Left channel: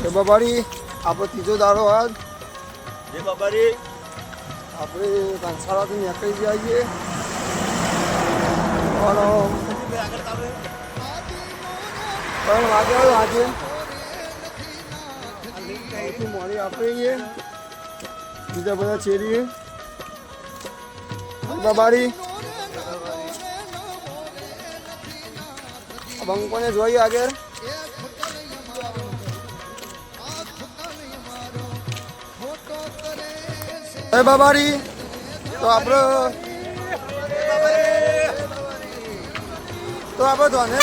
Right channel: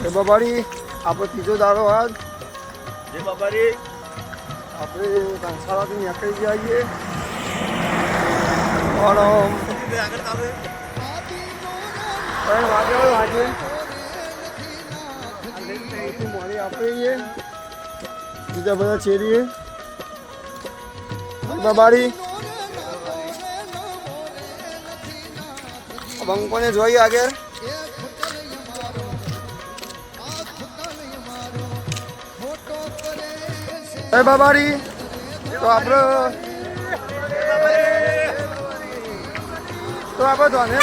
જય બાબારી આપણો ત્રીજો દાડો આજ જય બાબારી આપણે કંસારાથી નીકળી ગયા છીએ ત્રણ વાગ્યા આજે સૌથી મોડી આપણે છીએ બીજા બધા ચેરીએ બાબારી બંકોને જોઈએ આગળ જય બાબારી તો આપણે ધોને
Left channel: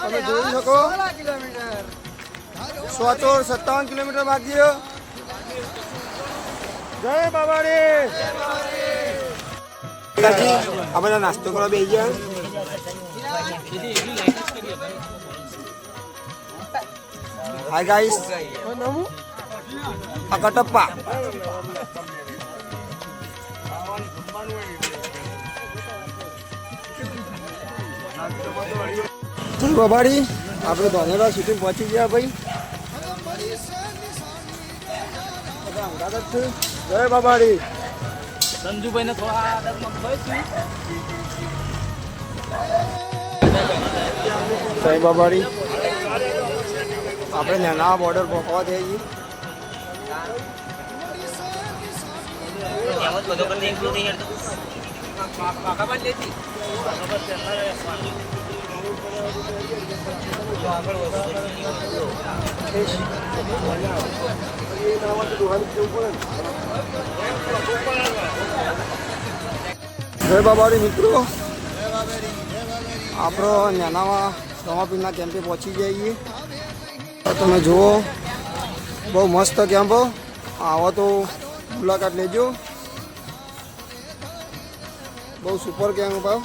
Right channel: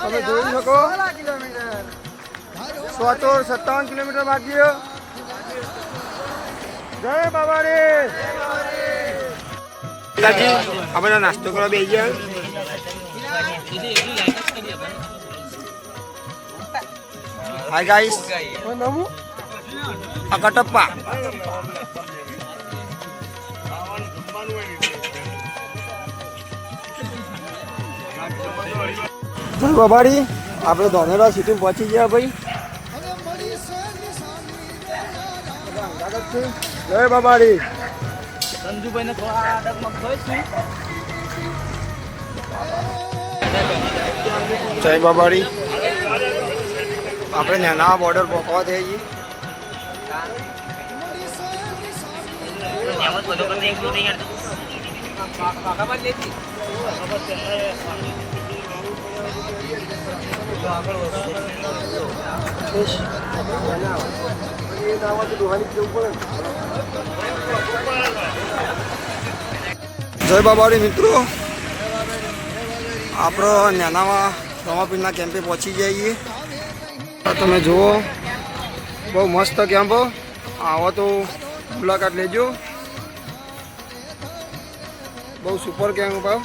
તમે જોઈ શકો 157 કિલોમીટર બાકી જય બાબારી આપણે નાસ્તો કરવા બેસી ગયા હાય ગાઈસ આ કટપ્પા ચલ બાબાડી આપણે ધોનેરા સિટી પહોંચી ગયા ભાઈ જય બાબાડી સંજુભાઈને થોડા જય બાબાડી આપણે નાના બોર્ડર પહોંચવા થઈ છીએ જય બાબારી મિત્રો આપણો નાનામાં રમાપીરના કેમ્પે પહોંચી જઈએ તમે જુઓ બહુ મસ્ત કેમ્પ આવો તો મુલાકાત લેજો બહુ સુપર કેમ્પ આ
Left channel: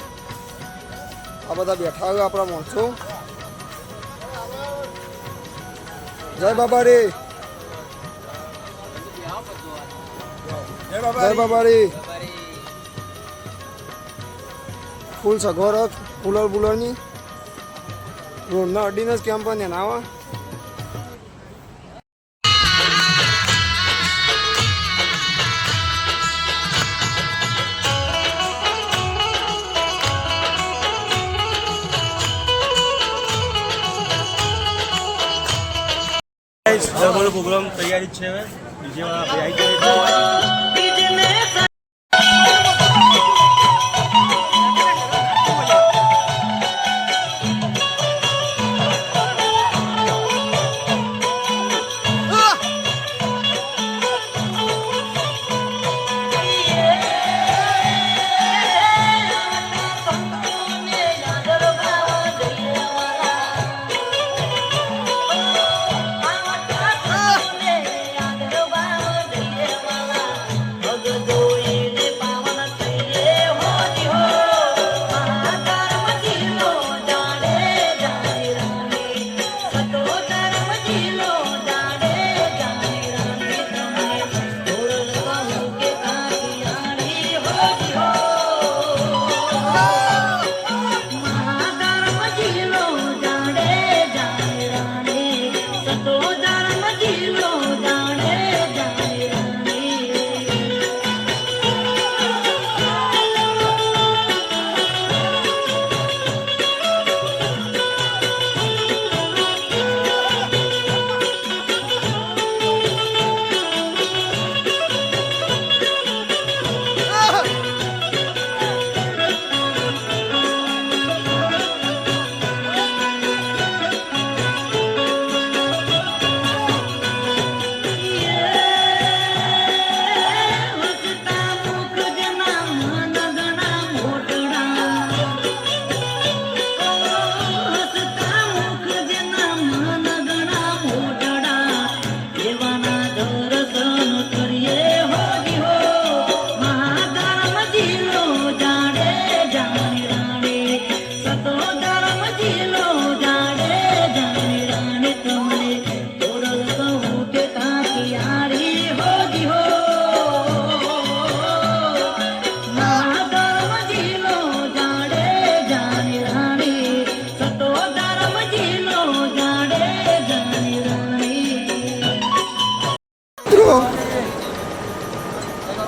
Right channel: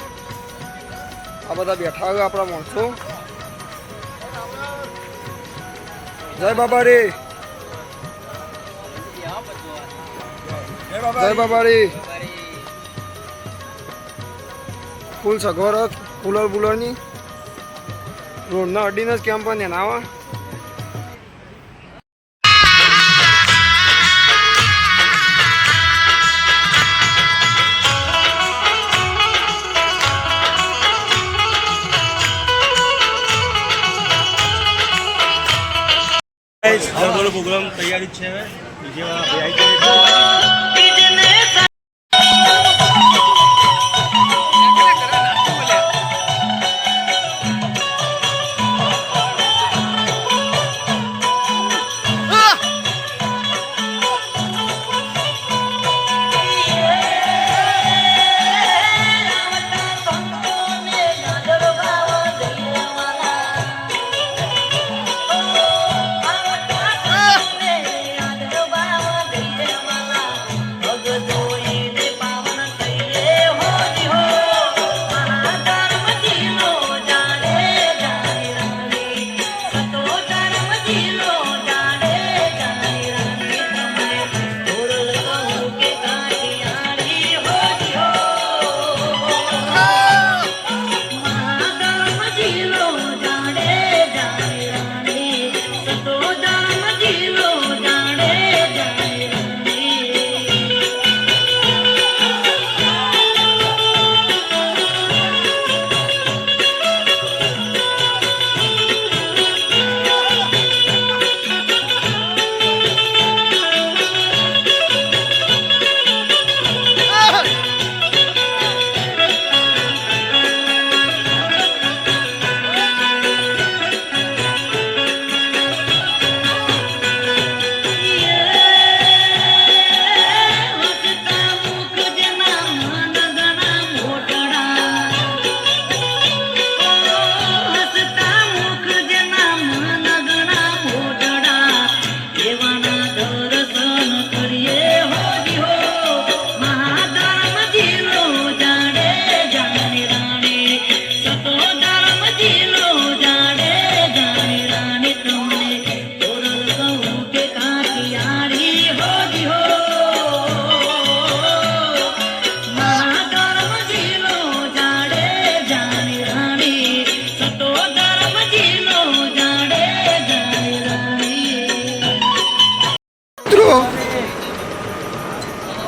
બધા બેઠા હોય આપણા માણસો જય બાબારી જય બાબારી ફૂલ સગવડ કુલર બુલરની રોડના અડીને જ કેમ્પ ને નાવા બોલો પ્રોગ્રામ તૈયારી છે હવે ડીજે વાળા ભાઈ આવી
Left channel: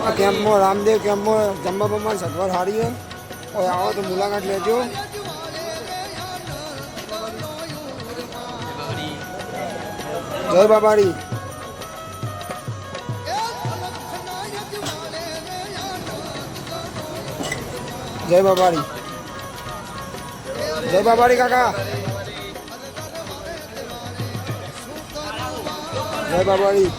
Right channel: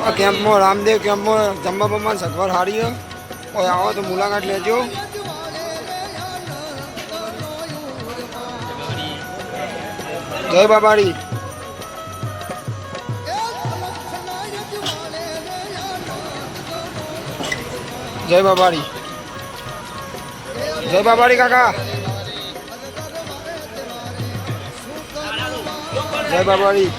આ કેમ્પમાં રામદેવ કેમ્પમાં જમવા બમવાની સગવડ સારી છે. કોઈ આવો તો મુલાકાત લેજો. જય બાબાડી. જય બાબાડી. જય બાબાડી કાકા. જય બાબાડી.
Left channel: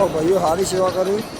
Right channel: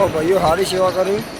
ઓ ભાઈઓ સારી સેવા કરી.